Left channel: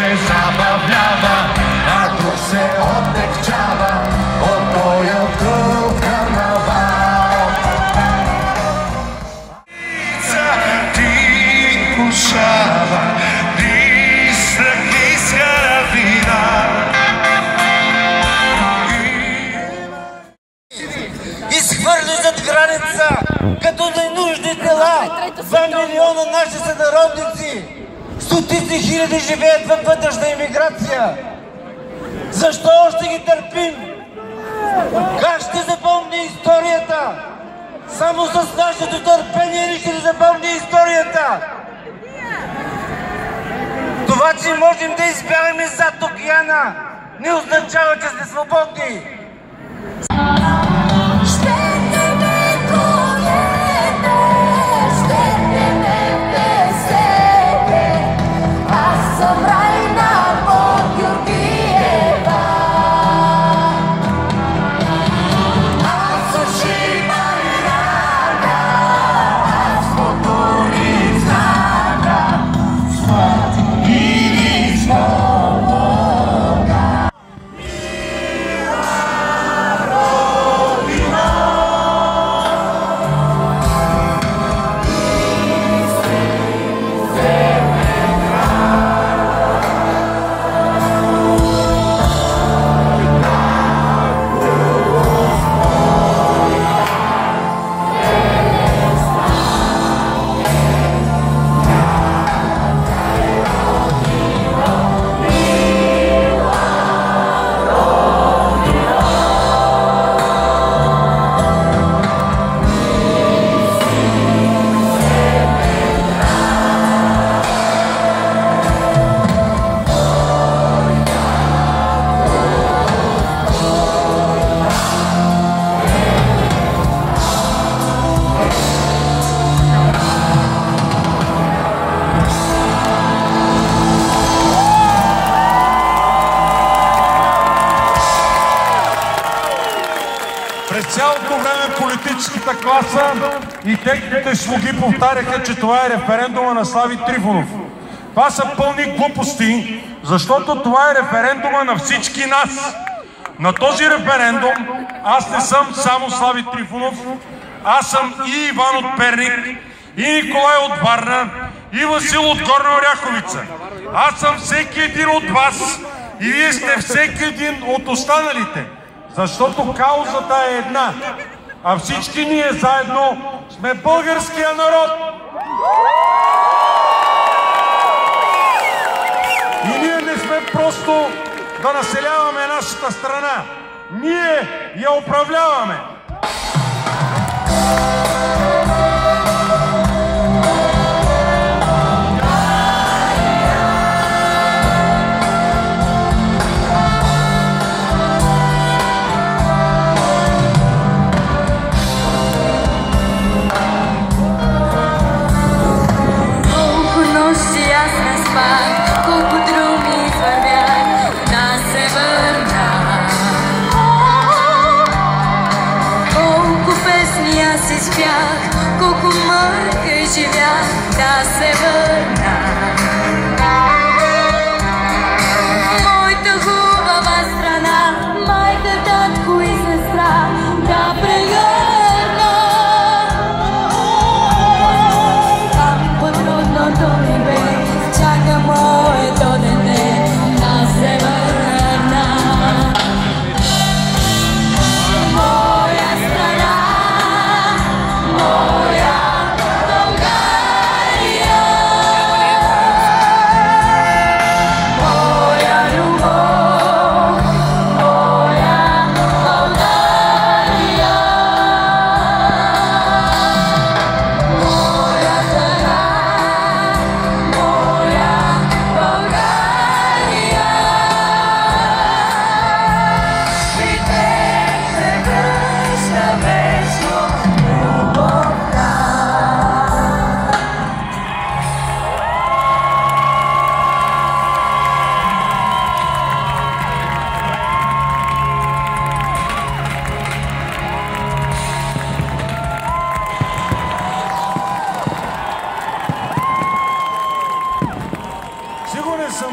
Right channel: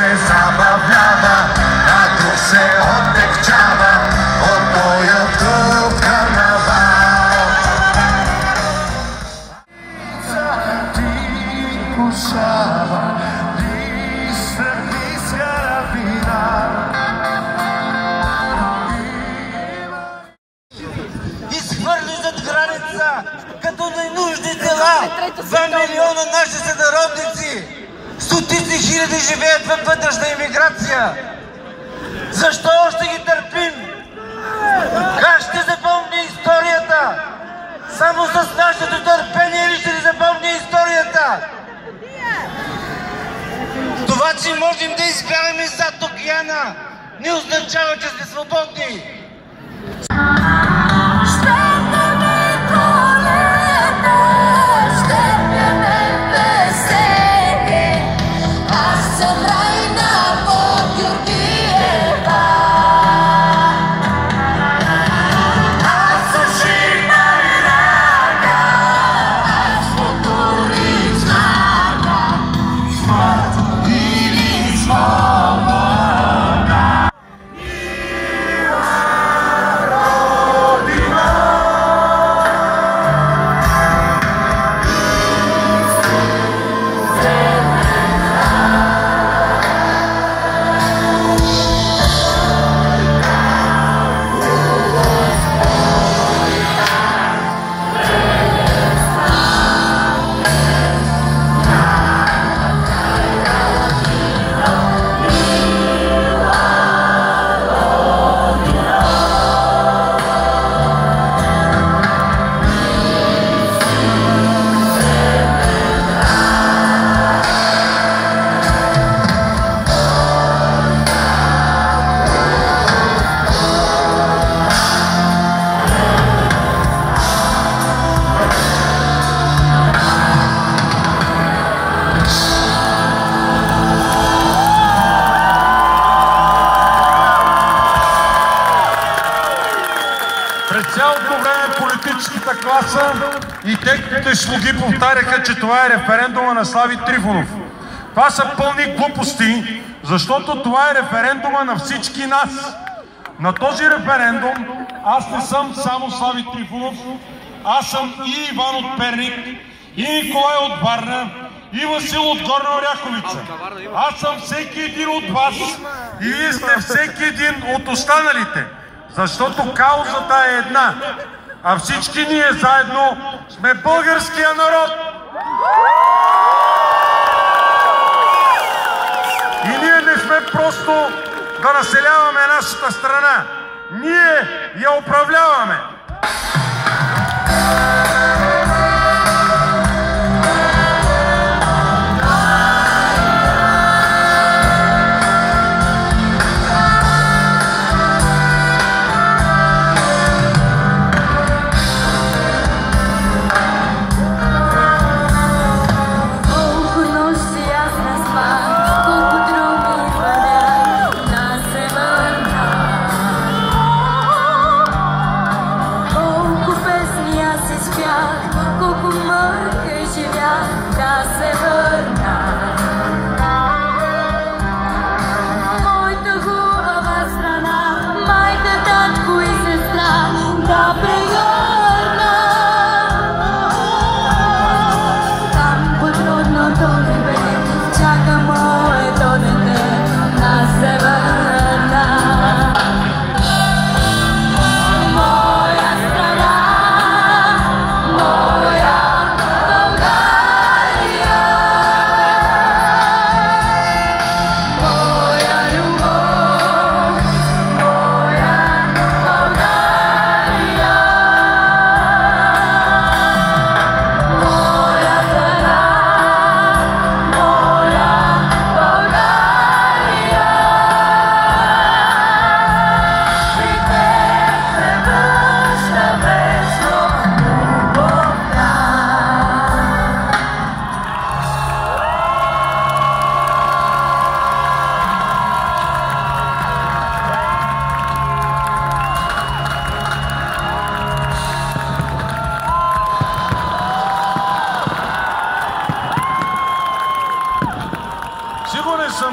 се забавлява, а друг се отекчава от тоя тъп карнавал. Ти пушава, изхвърли зад граница, като ненужни дела. 2 милиона наши сънародници, стотици хиляди живеят във вътрешна имиграция. Защо още ги търпим? Как ще запомни историята? Само с нашето търпение ли ще ни запомни историята? Това, че можем да избягаме зад океана, не означава, че сме свободни. През цялото време политическата класа и техните слуги повтаряха, че това е референдума на Слави Трифонов. Това са пълни глупости, защото това е референдума на всички нас. На този референдум аз не съм само Слави Трифонов, аз съм и Иван от Перник, и Николай от Варна, и Васил от Горна Оряховица. Аз съм всеки един от вас и вие сте всеки един от останалите. Защото каузата е една, а всички ние заедно сме българския народ. И ние не сме просто да населяваме нашата страна. Ние я управляваме. Yeah.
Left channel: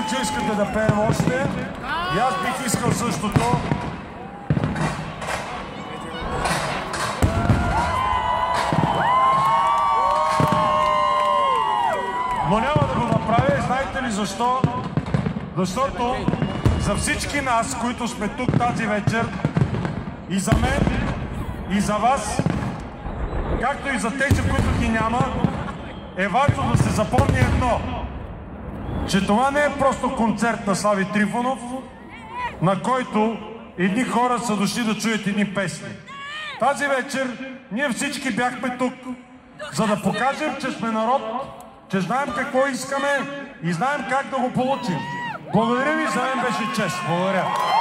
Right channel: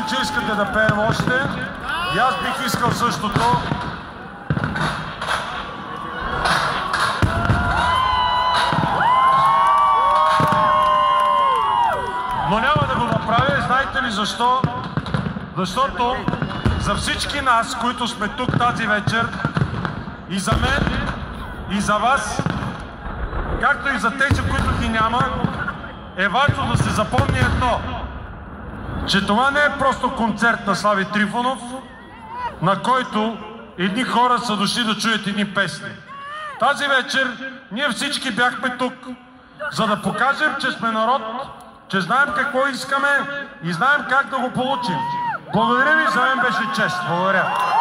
че искате да пеем още. И аз бих искал същото. Но няма да го направя. Знаете ли защо? Защото за всички нас, които сме тук тази вечер, и за мен, и за вас, както и за тези, които ги няма, е важно да се запомни едно, че това не е просто концерт на Слави Трифонов, на който едни хора са дошли да чуят едни песни. Тази вечер ние всички бяхме тук, за да покажем, че сме народ, че знаем какво искаме и знаем как да го получим. Благодаря ви, за мен беше чест. Благодаря.